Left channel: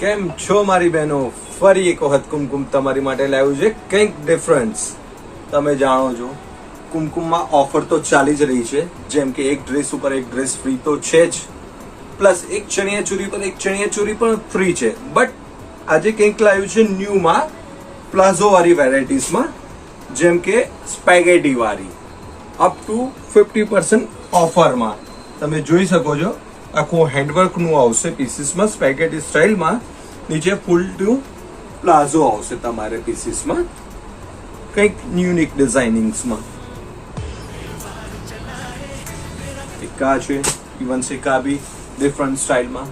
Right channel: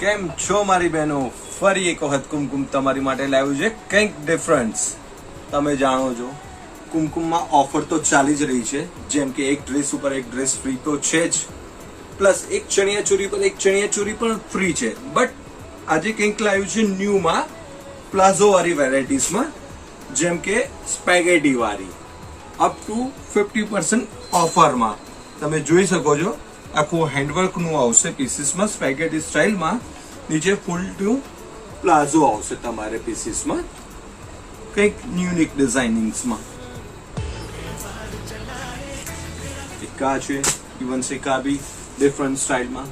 કેમ છો મારી બહેનો? ફરી એક વખત કુમકુમ તમારી માટે લાવ્યું છે કંઈક ડિફરન્સ. તમે જાણો છો કુમકુમમાં ઓફર તો ચાલી જ રહી છે, જેમ કે એક ડ્રેસ ઉપર એક ડ્રેસ ફ્રી તો છે જ, પ્લસ એક ચણિયાચોરી પર એક ચણિયાચોરી પણ ફ્રી છે. બટ આજે કંઈક લાવ્યું છે ન્યૂમાં, પ્લાઝો વાળી વેરાયટીઝમાં, જેમ કે સ્પેગેટી વાળી, અપ ટુ 50% ઓફરમાં. તમે જોઈ શકો છો આખું હેન્ડવર્ક નું આવશે પીસીસમાં, સ્પેગેટી સ્ટાઇલમાં. નીચે ફૂલ ટુ પ્લાઝો આવશે તમારે પીસીસમાં, કંઈક યુનિક ડિઝાઇનિંગ્સમાં. એક આ છે ઇવન સિકા બી ડિફરન્ટ સ્ટાઇલમાં.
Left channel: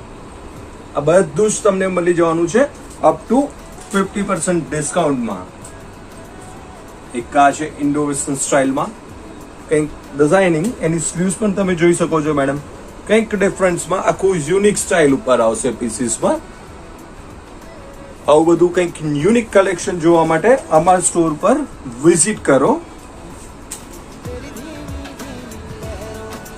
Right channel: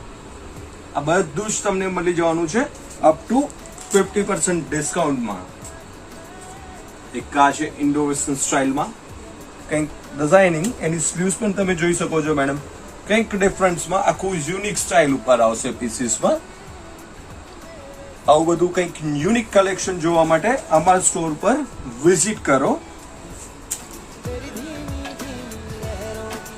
આ બધું જ તમને મળી જવાનું છે અપ ટુ 50% ડિસ્કાઉન્ટમાં. એક આ છે ઇન્ડો વેસ્ટર્ન સ્ટાઇલમાં, કંઈક ડિઝાઇનિંગ, એની સ્લીવ્સ પણ તમે જોઈ શકો છો મેડમ, કંઈક ડિફરન્સમાં આખું યુનિક સ્ટાઇલ ઉપર આવશે પીસીસમાં. આવું બધું કંઈક યુનિક કલેક્શન જોવા માટે અમારા સ્ટોર પર વિઝિટ કરો.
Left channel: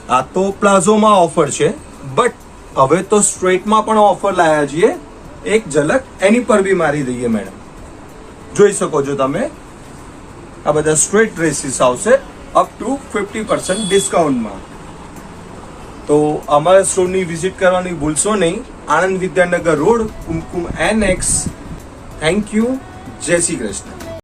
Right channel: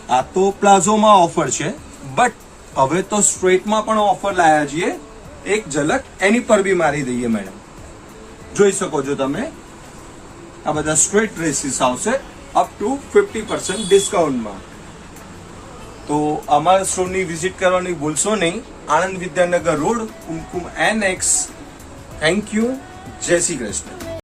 આ તો પ્લાઝોમાં ઓફર છે, બટ હવે તો સ્ટ્રેટમાં પણ ઓફર લાયા છીએ. એક ઝલક એની પર બી મારી દઈએ મેડમ. જોઈ શકો છો તમે, આ બધા સ્ટ્રેટ ડ્રેસીસ આવશે અપ ટુ 50% ડિસ્કાઉન્ટમાં. તો અમારા સ્ટોરની વિઝિટ કરવાની ભૂલશો નહીં. Anand Vidyanagar road, Kumkum NX. Thank you. જય શ્રી કૃષ્ણ.